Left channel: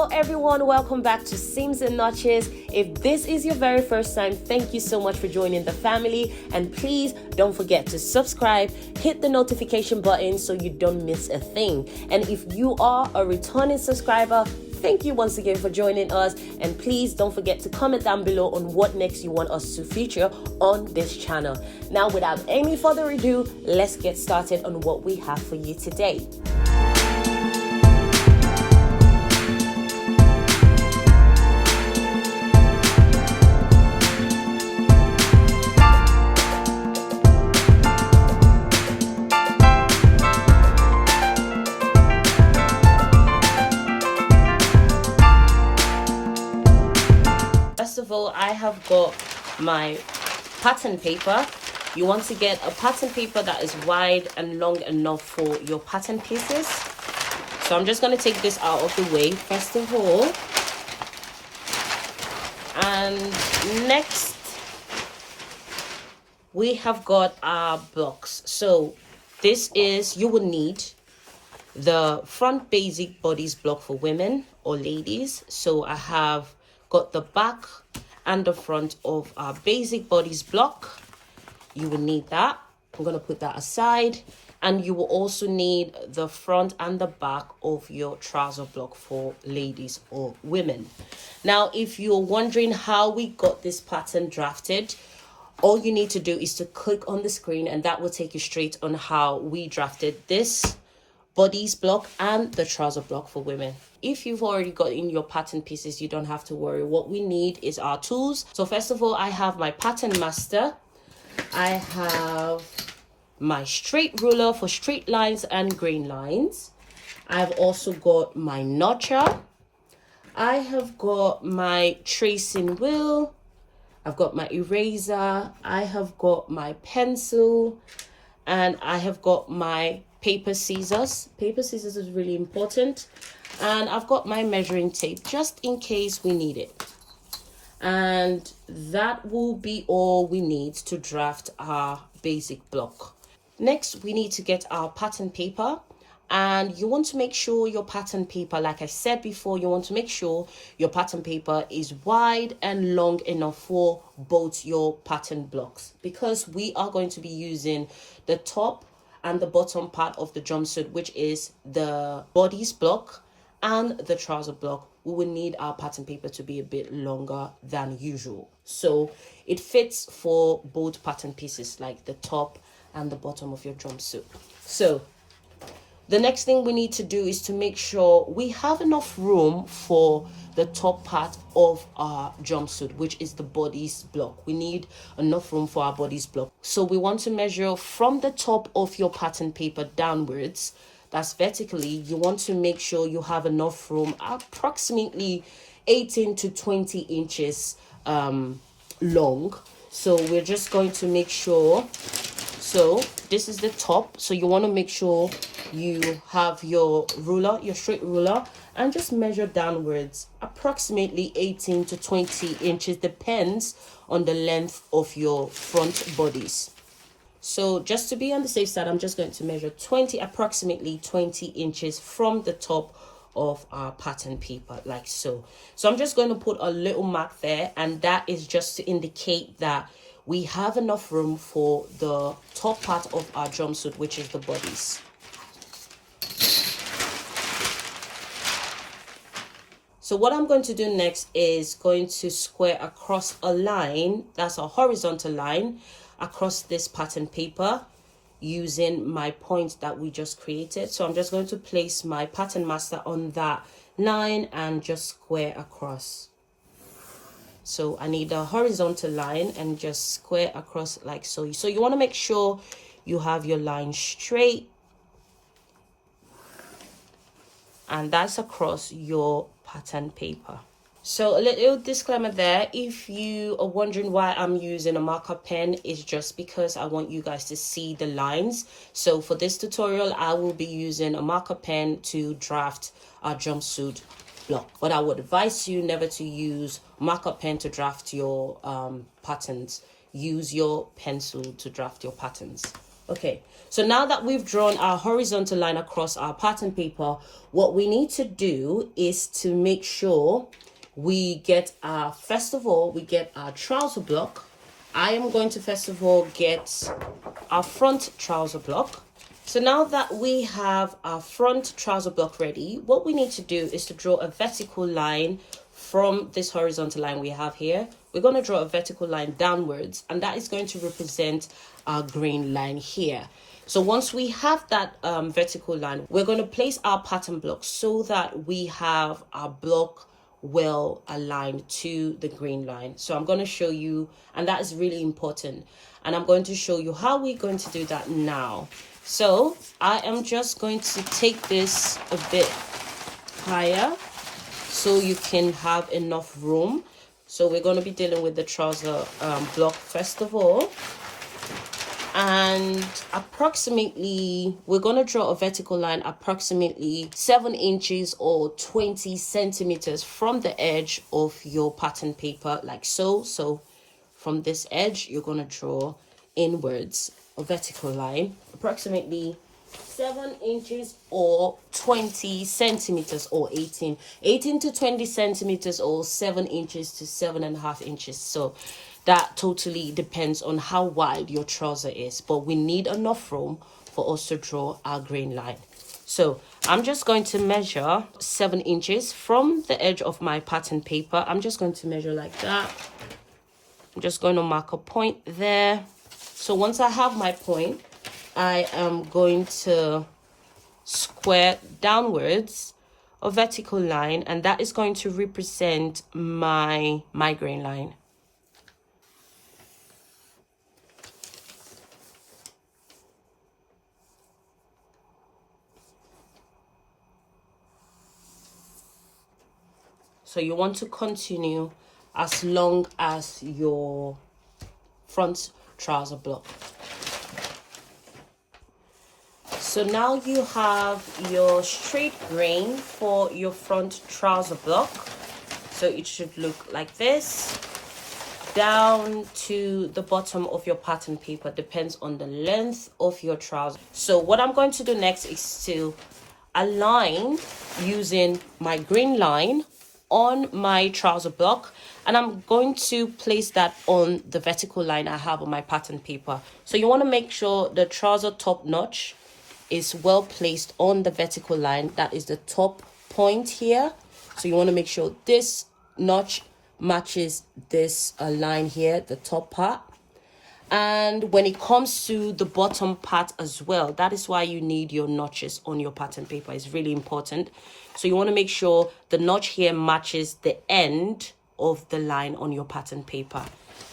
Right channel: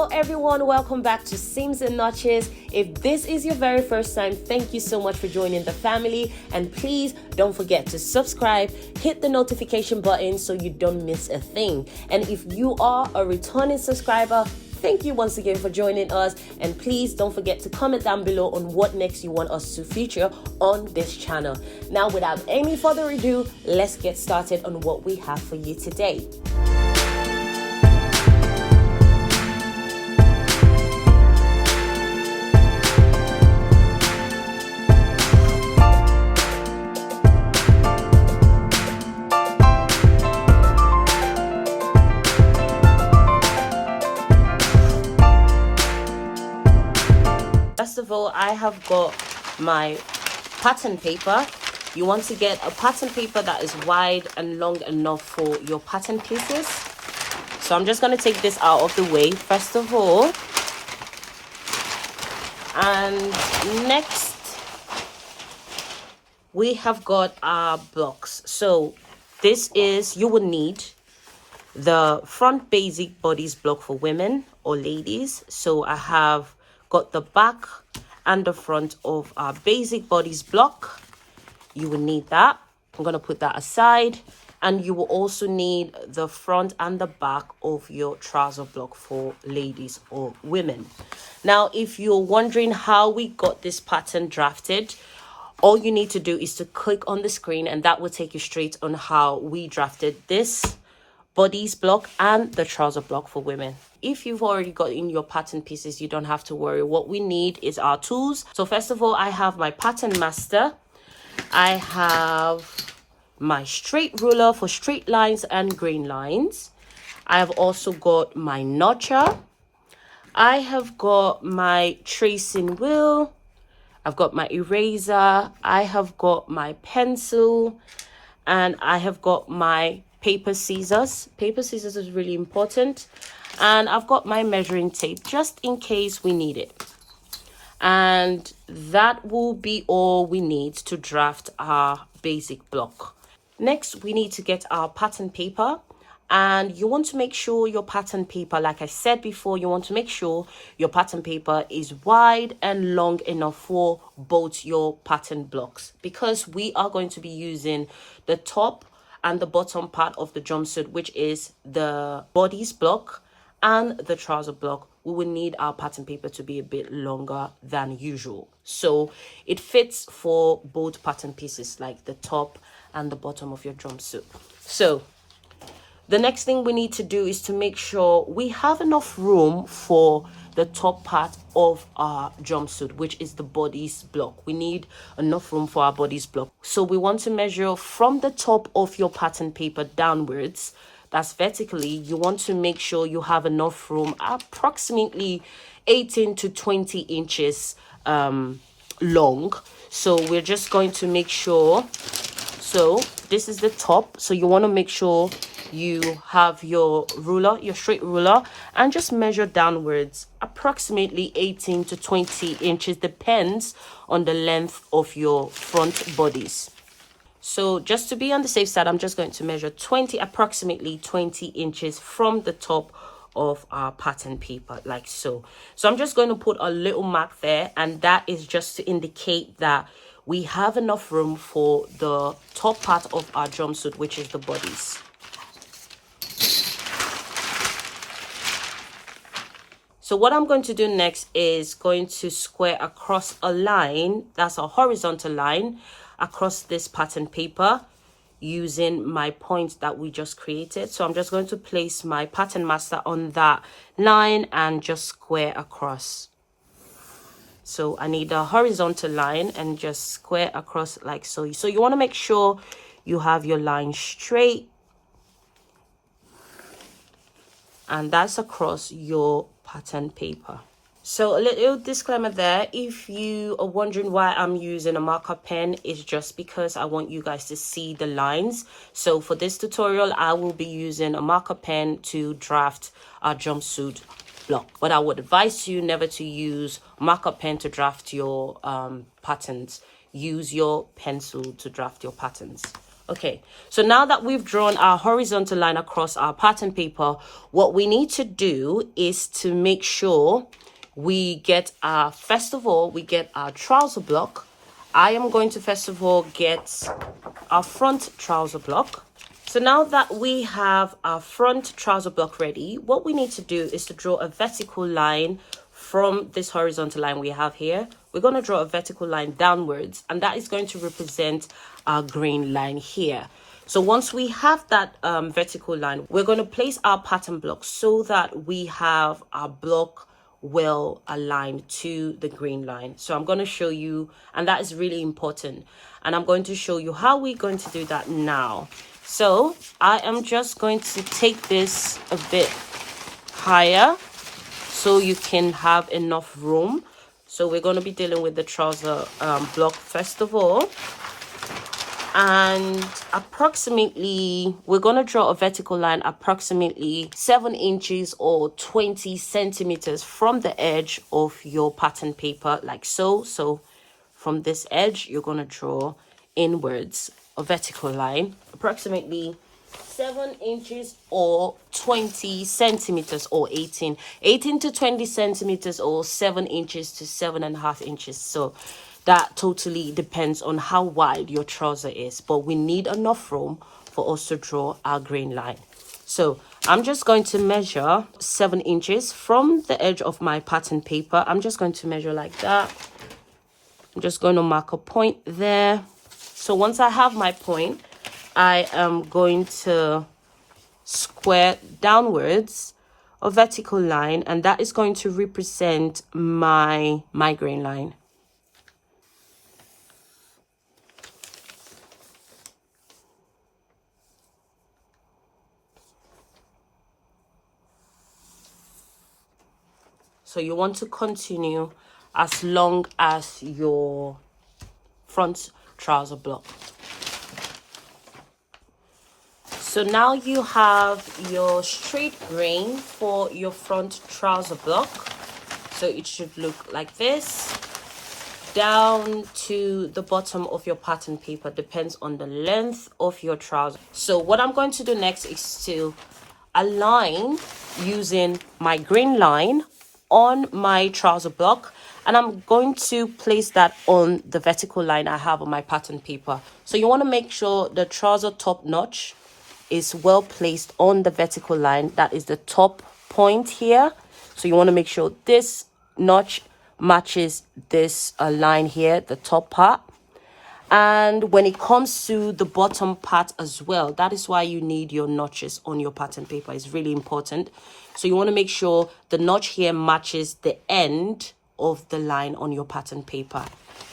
Hello everyone, welcome back to Seams and Notches. If this is your very first time, thank you so much for joining the family, and please don't forget to subscribe, hit the notification button so you don't miss a thing. And if you are a returning subscriber, thank you once again for joining us, and please don't forget to comment down below on what next you want us to feature on this channel. Now, without any further ado, let's get started on what we have for you today. First of all, I have got my pattern paper. You want to get a pattern paper that is wide and long enough for your pattern pieces. So I'm just going to take this out of the way first of all. And next, we have got our blocks. So this is, you will need the front basic bodice block for women or ladies. So I have got the back and the front of our basic bodice block. You will need that. I'm going to put that aside. And you will also need the front and the back of your trouser block for ladies or women. Now, if you're wondering how we got this pattern drafted, all you need to do is to click on the screen, and that will take you straight on how we drafted this bodice block and the trouser block for women. If you've already got in your pattern pieces, you don't have to worry. What we need is our tools. So first of all, I have my pattern master. I have my straight ruler for straight lines and grain lines. I have also got my notcher. I have got my tracing wheel. I've got my eraser. I have got my pencil, and I have got my paper scissors. Paper scissors is really important. And I've got my measuring tape just in case we need it. And that will be all we need to draft our basic block. Next, we need to get our pattern paper. And you want to make sure your pattern paper, like I said before, you want to make sure your pattern paper is wide and long enough for both your pattern blocks, because we are going to be using the top and the bottom part of the jumpsuit, which is the bodice block and the trouser block. We will need our pattern paper to be a bit longer than usual, so it fits for both pattern pieces, like the top and the bottom of your jumpsuit. So the next thing we need to do is to make sure we have enough room for the top part of our jumpsuit, which is the bodice block. We need enough room for our bodice block. So we want to measure from the top of your pattern paper downwards. That's vertically. You want to make sure you have enough room, approximately 18 to 20 inches long. So we're just going to make sure. So this is the top. So you want to make sure you have your ruler, your straight ruler, and just measure downwards, approximately 18 to 20 inches, depends on the length of your front bodice. So just to be on the safe side, I'm just going to measure approximately 20 inches from the top of our pattern paper, like so. So I'm just going to put a little mark there, and that is just to indicate that we have enough room for the top part of our jumpsuit, which is the bodice. So what I'm going to do next is going to square across a line, that's a horizontal line, across this pattern paper using my point that we just created. So I'm just going to place my pattern master on that line and just square across. So I need a horizontal line and just square across like so. So you want to make sure you have your line straight, and that's across your pattern paper. So a little disclaimer there, if you are wondering why I'm using a marker pen, it's just because I want you guys to see the lines. So for this tutorial, I will be using a marker pen to draft our jumpsuit block, but I would advise you never to use marker pen to draft your patterns. Use your pencil to draft your patterns. Okay, so now that we've drawn our horizontal line across our pattern paper, what we need to do is to make sure we get our, first of all, we get our trouser block. I am going to first of all get our front trouser block. So now that we have our front trouser block ready, what we need to do is to draw a vertical line from this horizontal line we have here. We're going to draw a vertical line downwards, and that is going to represent our green line here. So once we have that vertical line, we're going to place our pattern block so that we have our block well aligned to the green line. So I'm going to show you, and that is really important, and I'm going to show you how we're going to do that now. So I am just going to take this a bit higher so you can have enough room. So we're going to be dealing with the trouser block first of all. And approximately, we're going to draw a vertical line approximately 7 inches or 20 centimeters from the edge of your pattern paper, like so. So from this edge, you're going to draw inwards a vertical line, approximately 7 inches or 20 centimeters, or 18 to 20 centimeters, or 7 inches to 7.5 inches. So that totally depends on how wide your trouser is, but we need enough room for us to draw our green line. So I'm just going to measure 7 inches from the edge of my pattern paper. I'm just going to measure like that. I'm just going to mark a point there. So once I have my point, I am going to square downwards a vertical line, and that is going to represent my green line. So you want to continue as long as your front trouser block. So now you have your straight grain for your front trouser block. So it should look like this, down to the bottom of your pattern paper. Depends on the length of your trouser. So what I'm going to do next is to align using my green line on my trouser block, and I'm going to place that on the vertical line I have on my pattern paper. So you want to make sure the trouser top notch is well placed on the vertical line. That is the top point here. So you want to make sure this notch matches this line here, the top part. And when it comes to the bottom part as well, that is why you need your notches on your pattern paper. It's really important. So you want to make sure the notch here matches the end of the line on your pattern paper.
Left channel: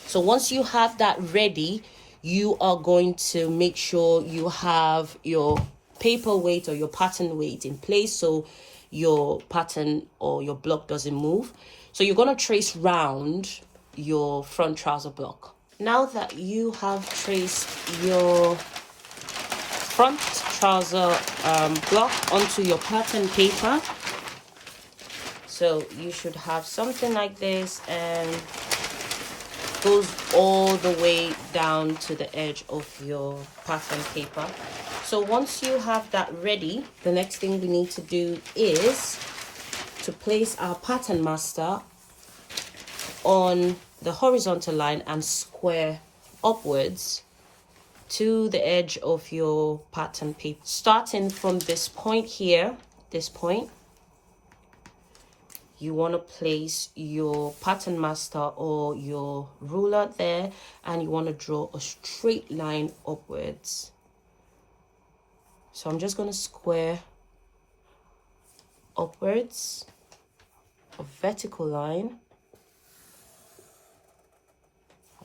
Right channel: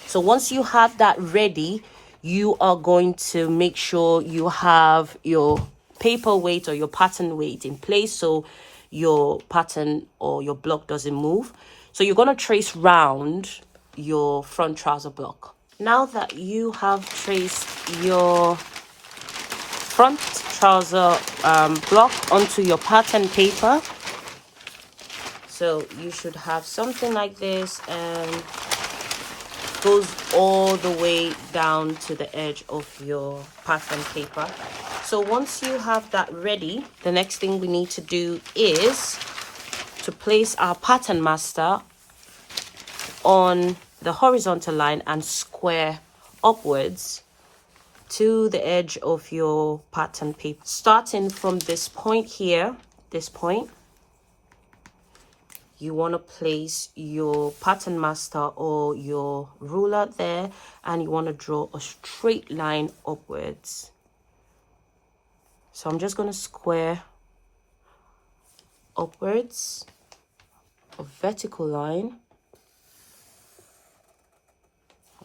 So once you have that ready, you are going to make sure you have your paper weight or your pattern weight in place so your pattern or your block doesn't move. So you're going to trace round your front trouser block. Now that you have traced your front trouser block onto your pattern paper, so you should have something like this, and goes all the way down to the edge of your pattern paper. So once you have that ready, the next thing we need to do is to place our pattern master on the horizontal line and square upwards to the edge of your pattern paper. Starting from this point here, this point, you want to place your pattern master or your ruler there, and you want to draw a straight line upwards. So I'm just going to square upwards a vertical line.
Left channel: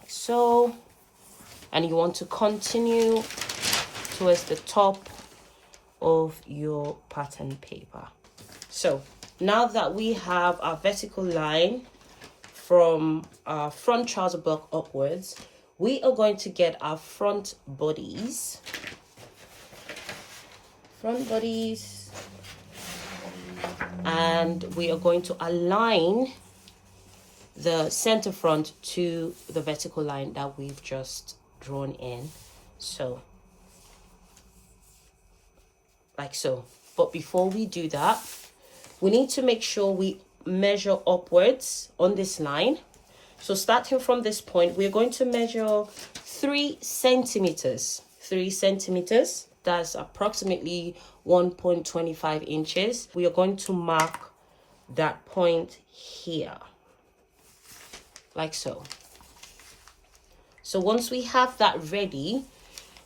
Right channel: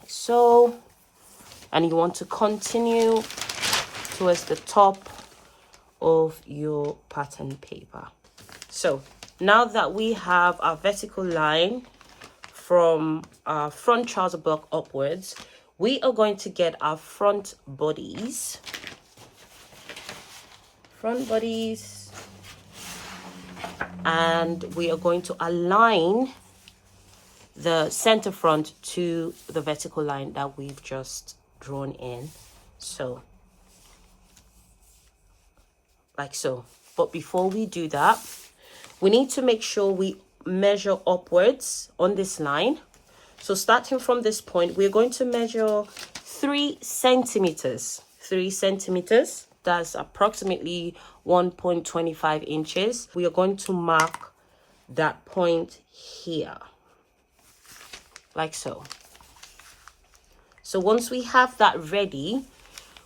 So, and you want to continue towards the top of your pattern paper. So now that we have our vertical line from our front trouser block upwards, we are going to get our front bodies. And we are going to align the center front to the vertical line that we've just drawn in. So like so. But before we do that, we need to make sure we measure upwards on this line. So starting from this point, we're going to measure 3 centimeters. 3 centimeters, that's approximately 1.25 inches. We are going to mark that point here, like so. So once we have that ready,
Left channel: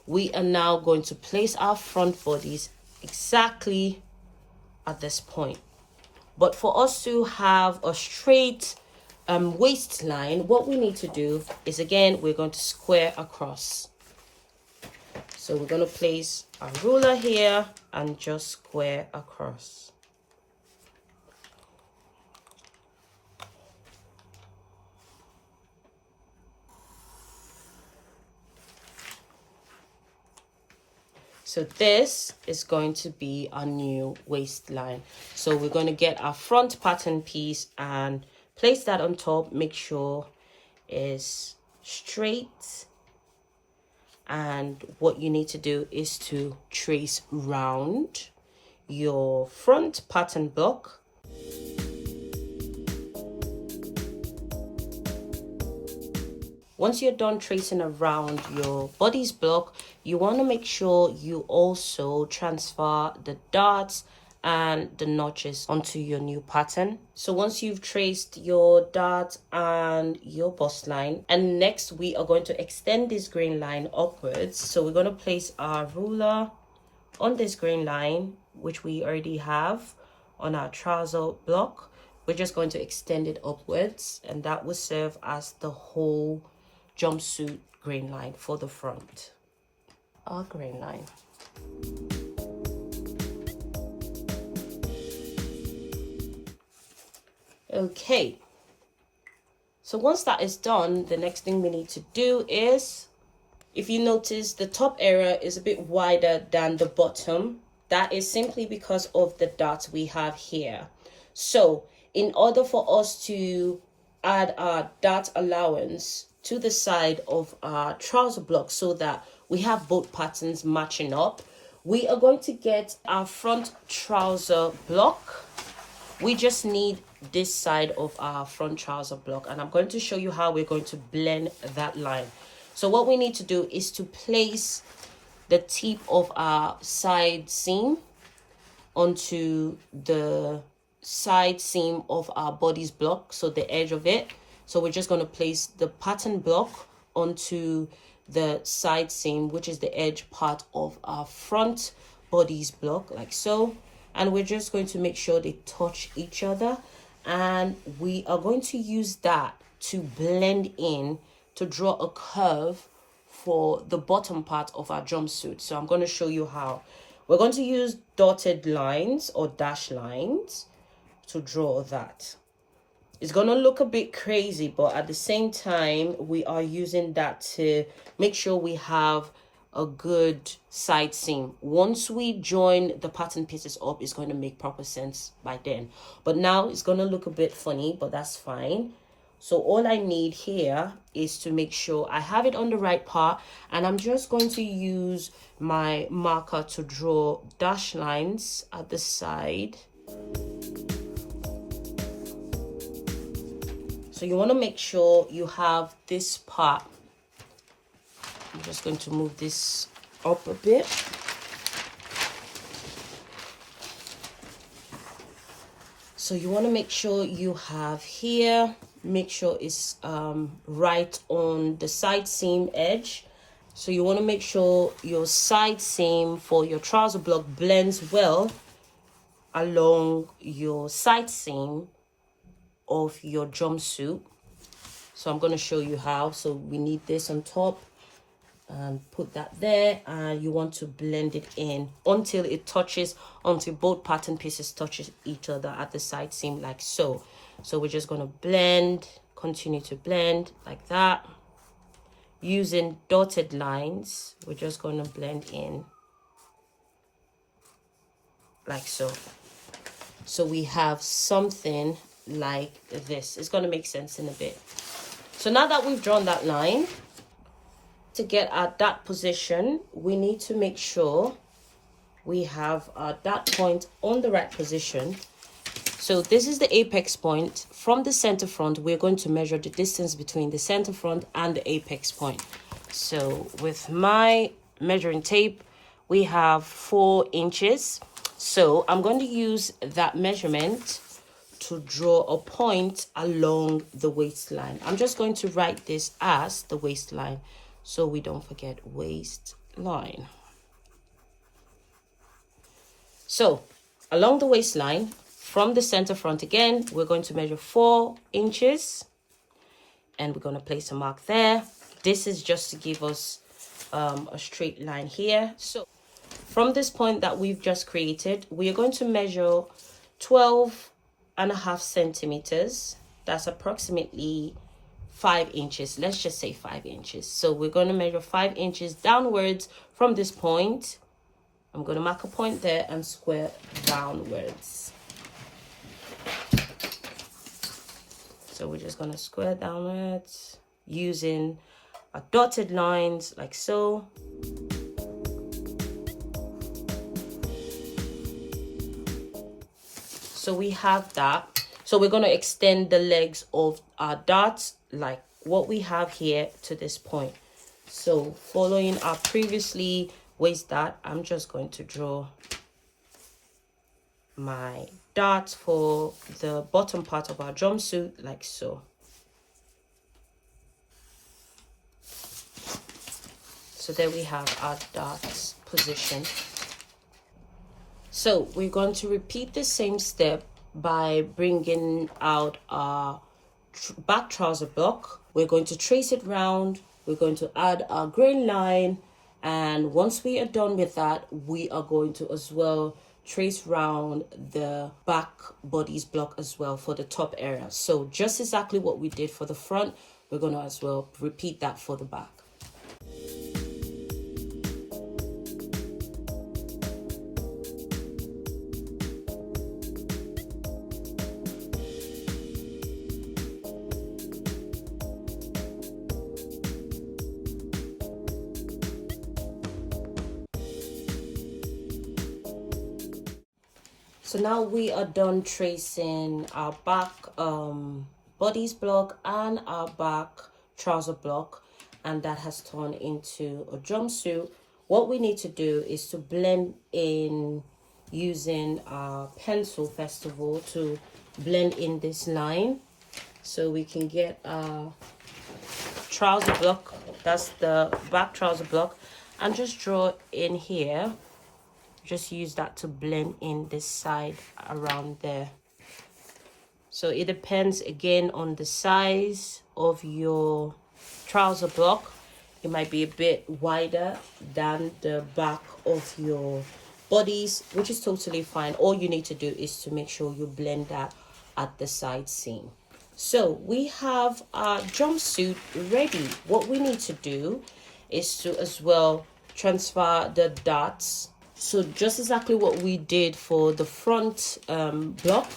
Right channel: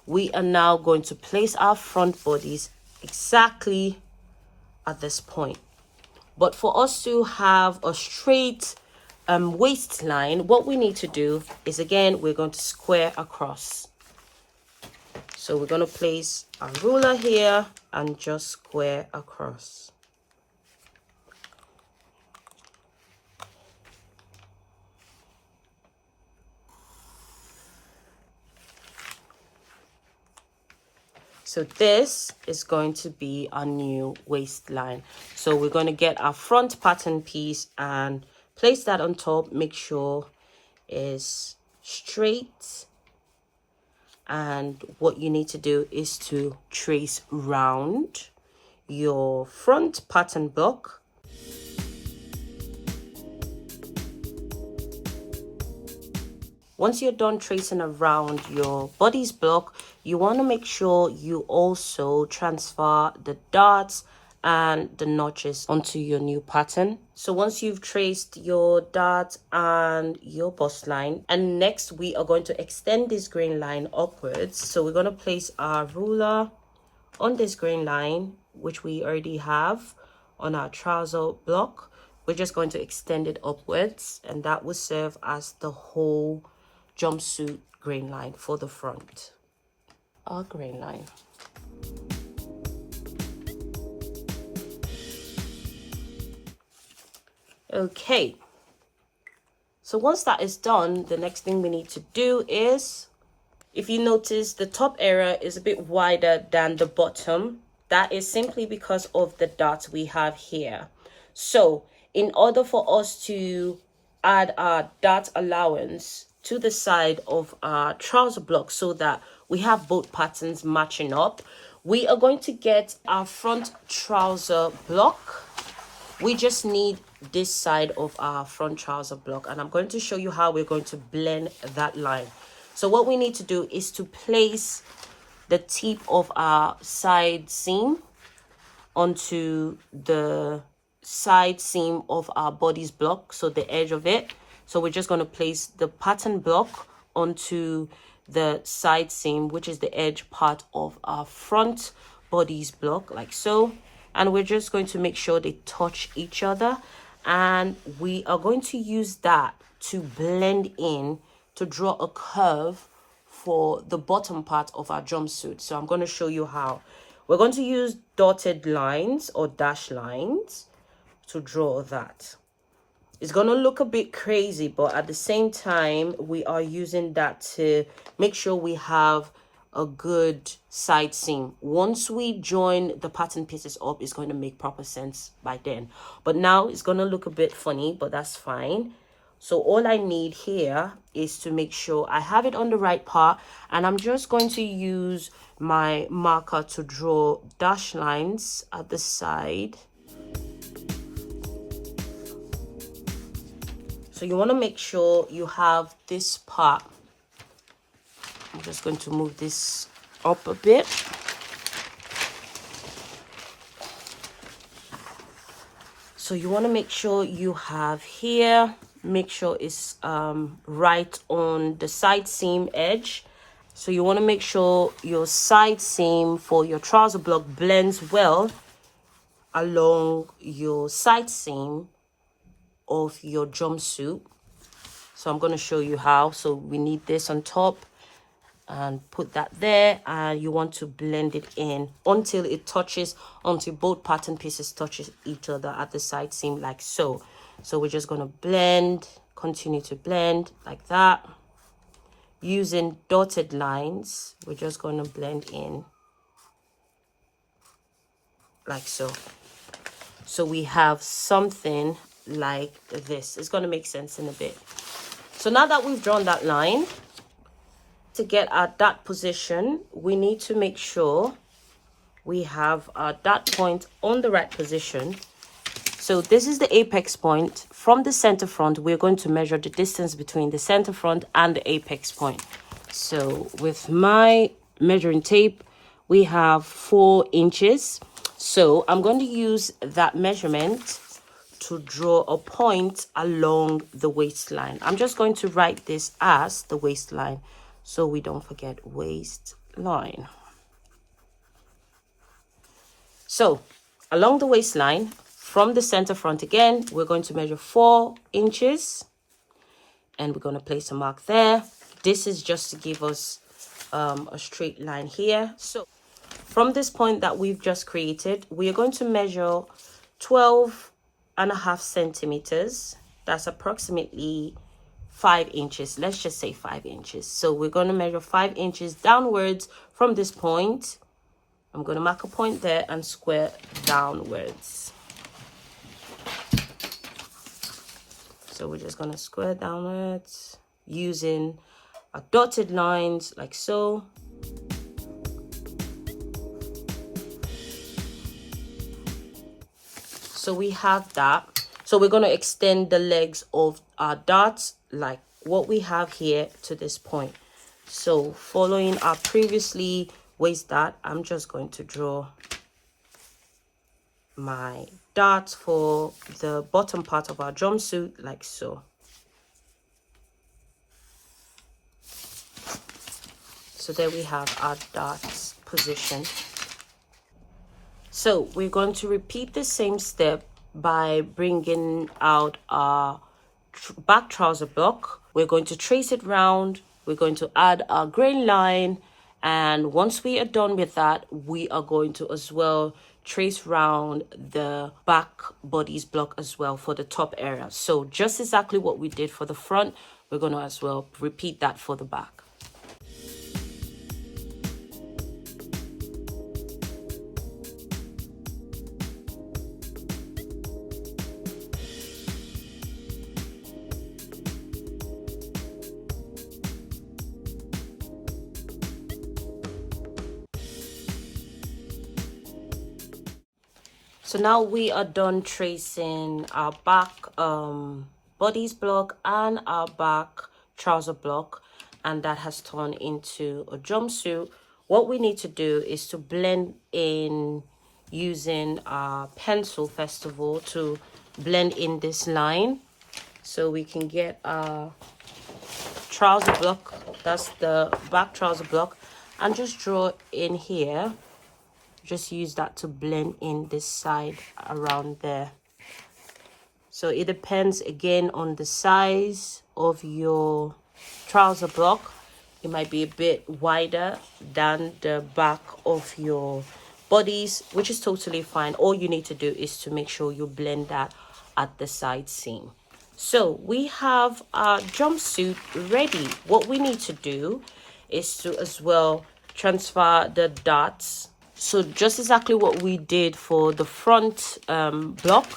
we are now going to place our front bodies exactly at this point. But for us to have a straight waistline, what we need to do is, again, we're going to square across. So we're going to place a ruler here and just square across. So this is going to be our new waistline. So we're going to get our front pattern piece and place that on top. Make sure it's straight. And what you need to do is to trace round your front pattern block. Once you're done tracing around your bodice block, you want to make sure you also transfer the darts and the notches onto your new pattern. So once you've traced your dart and your bust line, and next we are going to extend this grain line upwards. So we're going to place our ruler on this grain line, which we already have on our trouser block. We're just going to extend it upwards, and that will serve as the whole jumpsuit grain line for the front. Our grain line. Okay, so once that is done, the next thing we need to do is, if you notice, the top area is a bit wider than the bottom. That is simply because of the dots we have here. So in order for us to add our dot allowance to the side of our trouser block so that we have both patterns matching up, we are going to get our front trouser block. We just need this side of our front trouser block, and I'm going to show you how we're going to blend that line. So what we need to do is to place the tip of our side seam onto the side seam of our bodice block, so the edge of it. So we're just going to place the pattern block onto the side seam, which is the edge part of our front bodice block, like so. And we're just going to make sure they touch each other, and we are going to use that to blend in, to draw a curve for the bottom part of our jumpsuit. So I'm going to show you how. We're going to use dotted lines or dash lines to draw that. It's going to look a bit crazy, but at the same time, we are using that to make sure we have a good side seam. Once we join the pattern pieces up, it's going to make proper sense by then. But now it's going to look a bit funny, but that's fine. So all I need here is to make sure I have it on the right part, and I'm just going to use my marker to draw dash lines at the side. So you want to make sure you have this part. I'm just going to move this up a bit. So you want to make sure you have here, make sure it's right on the side seam edge. So you want to make sure your side seam for your trouser block blends well along your side seam of your jumpsuit. So I'm going to show you how. So we need this on top and put that there, and you want to blend it in until it touches, until both pattern pieces touches each other at the side seam, like so. So we're just going to blend, continue to blend like that. Using dotted lines, we're just going to blend in like so. So we have something like this. It's going to make sense in a bit. So now that we've drawn that line, to get at that position, we need to make sure we have our dot point on the right position. So this is the apex point. From the center front, we're going to measure the distance between the center front and the apex point. So with my measuring tape, we have 4 inches. So I'm going to use that measurement to draw a point along the waistline. I'm just going to write this as the waistline so we don't forget waistline. So along the waistline, from the center front again, we're going to measure 4 inches and we're going to place a mark there. This is just to give us a straight line here. So from this point that we've just created, we are going to measure 12.5 centimeters. That's approximately 5 inches. Let's just say 5 inches. So we're going to measure 5 inches downwards from this point. I'm going to mark a point there and square downwards. So we're just going to square downwards using our dotted lines like so. So we have that. So we're going to extend the legs of our dots like what we have here to this point. So following our previously waist dot, I'm just going to draw my dots for the bottom part of our jumpsuit like so. So there we have our dots position. So we're going to repeat the same step by bringing out our back trouser block. We're going to trace it round. We're going to add our grain line. And once we are done with that, we are going to as well trace round the back bodice block as well for the top area. So just exactly what we did for the front, we're going to as well repeat that for the back. So now we are done tracing our back bodice block and our back trouser block, and that has turned into a jumpsuit. What we need to do is to blend in using our pencil first of all to blend in this line so we can get our trouser block. That's the back trouser block, and just draw in here. Just use that to blend in this side around there. So it depends again on the size of your trouser block. It might be a bit wider than the back of your bodice, which is totally fine. All you need to do is to make sure you blend that at the side seam. So we have our jumpsuit ready. What we need to do is to as well transfer the dots. So just exactly what we did for the front block,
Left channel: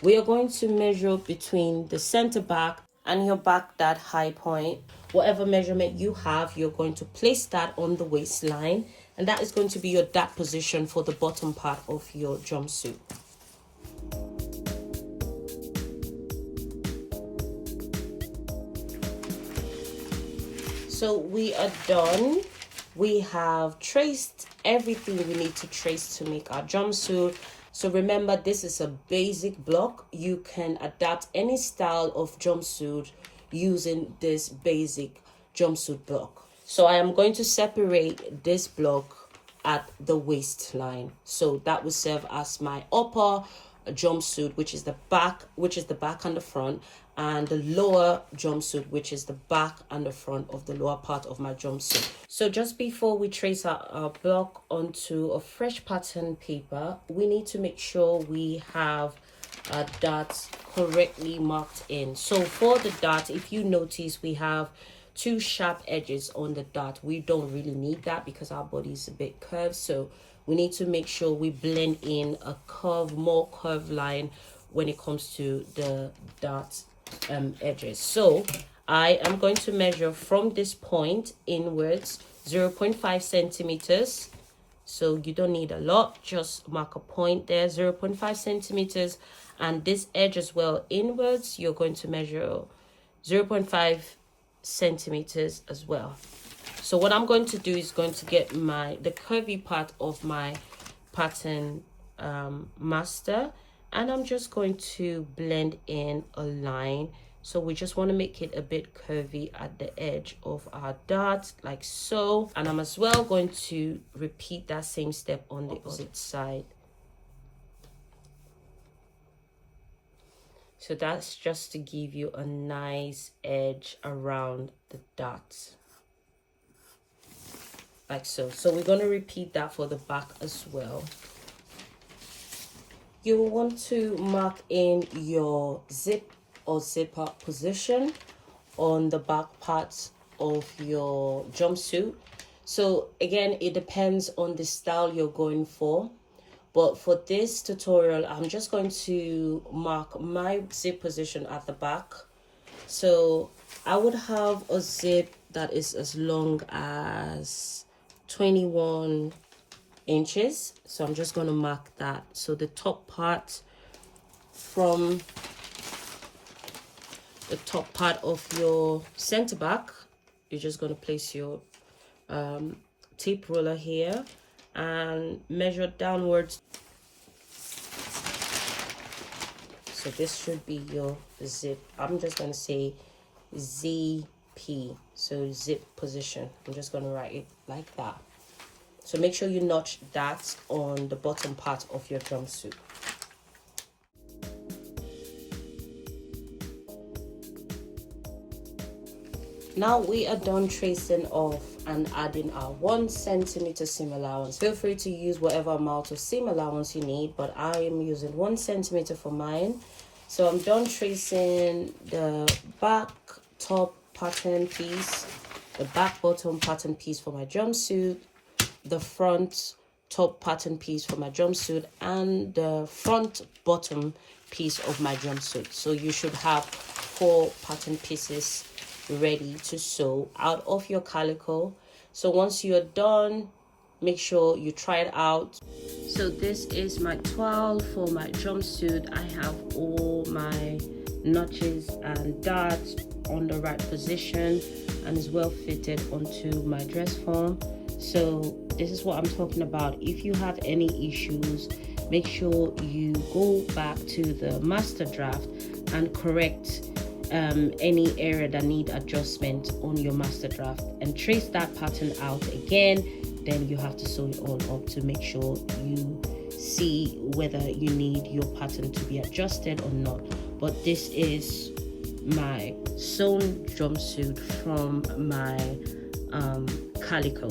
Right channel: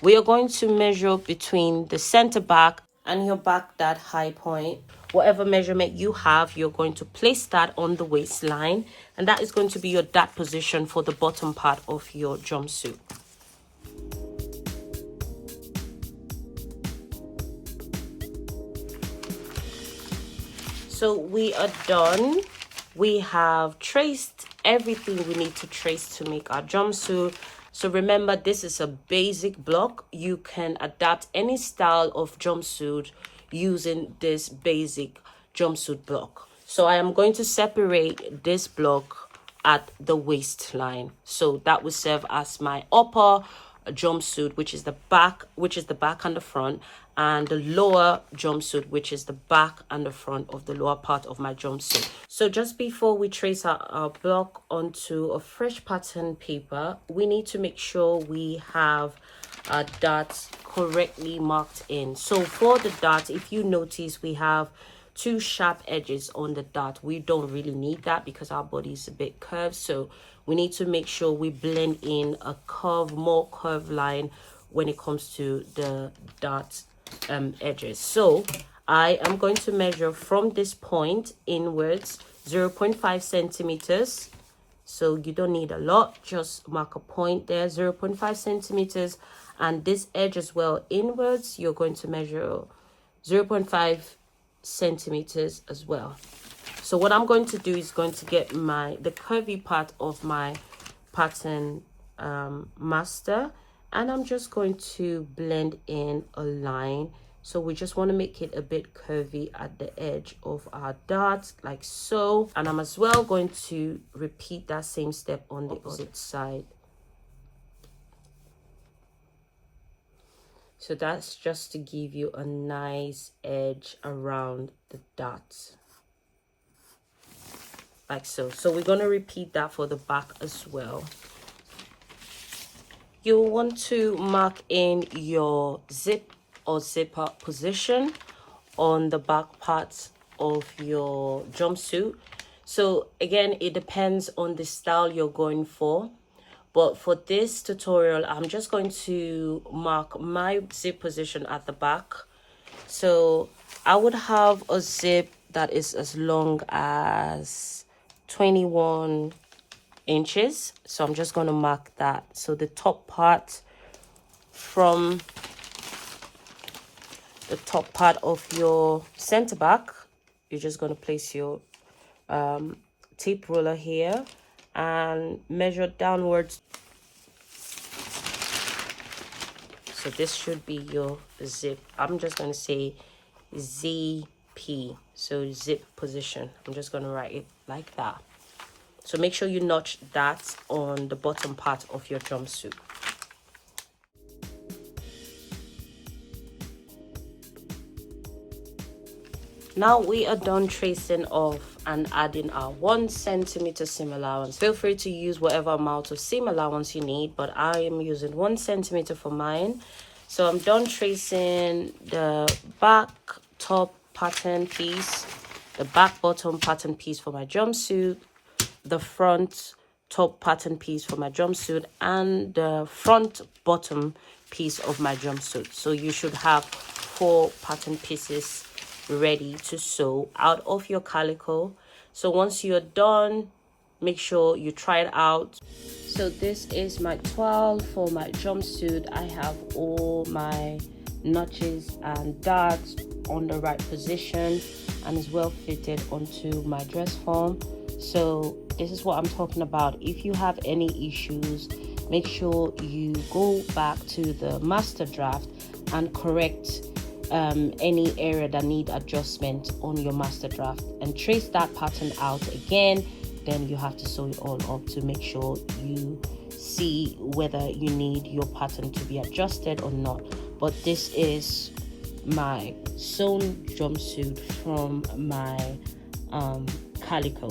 we are going to measure between the center back and your back dot high point. Whatever measurement you have, you're going to place that on the waistline, and that is going to be your dot position for the bottom part of your jumpsuit. So we are done. We have traced everything we need to trace to make our jumpsuit. So remember, this is a basic block. You can adapt any style of jumpsuit using this basic jumpsuit block. So I am going to separate this block at the waistline. So that will serve as my upper jumpsuit, which is the back and the front, and the lower jumpsuit, which is the back and the front of the lower part of my jumpsuit. So just before we trace our block onto a fresh pattern paper, we need to make sure we have our dots correctly marked in. So for the dot, if you notice, we have 2 sharp edges on the dot. We don't really need that because our body is a bit curved. So we need to make sure we blend in a more curved line when it comes to the dot edges. So I am going to measure from this point inwards 0.5 centimeters. So you don't need a lot, just mark a point there, 0.5 centimeters. And this edge as well, inwards, you're going to measure 0.5 centimeters as well. So what I'm going to do is going to get the curvy part of my pattern master, and I'm just going to blend in a line. So we just want to make it a bit curvy at the edge of our dart, like so. And I'm as well going to repeat that same step on the opposite side. So that's just to give you a nice edge around the dots, like so. So we're going to repeat that for the back as well. You'll want to mark in your zip or zipper position on the back parts of your jumpsuit. So again, it depends on the style you're going for. But for this tutorial, I'm just going to mark my zip position at the back. So I would have a zip that is as long as 21 inches. So I'm just going to mark that. So the top part from the top part of your center back, you're just going to place your tape ruler here and measure downwards. So this should be your zip. I'm just going to say ZP, so zip position. I'm just going to write it like that. So make sure you notch that on the bottom part of your jumpsuit. Now we are done tracing off and adding our 1 centimeter seam allowance. Feel free to use whatever amount of seam allowance you need, but I am using 1 centimeter for mine. So I'm done tracing the back top pattern piece, the back bottom pattern piece for my jumpsuit, the front top pattern piece for my jumpsuit, and the front bottom piece of my jumpsuit. So you should have 4 pattern pieces ready to sew out of your calico. So once you're done, make sure you try it out. So this is my 12 for my jumpsuit. I have all my notches and darts on the right position and is well fitted onto my dress form. So this is what I'm talking about. If you have any issues, make sure you go back to the master draft and correct any area that need adjustment on your master draft and trace that pattern out again. Then you have to sew it all up to make sure you see whether you need your pattern to be adjusted or not. But this is my sewn jumpsuit from my calico.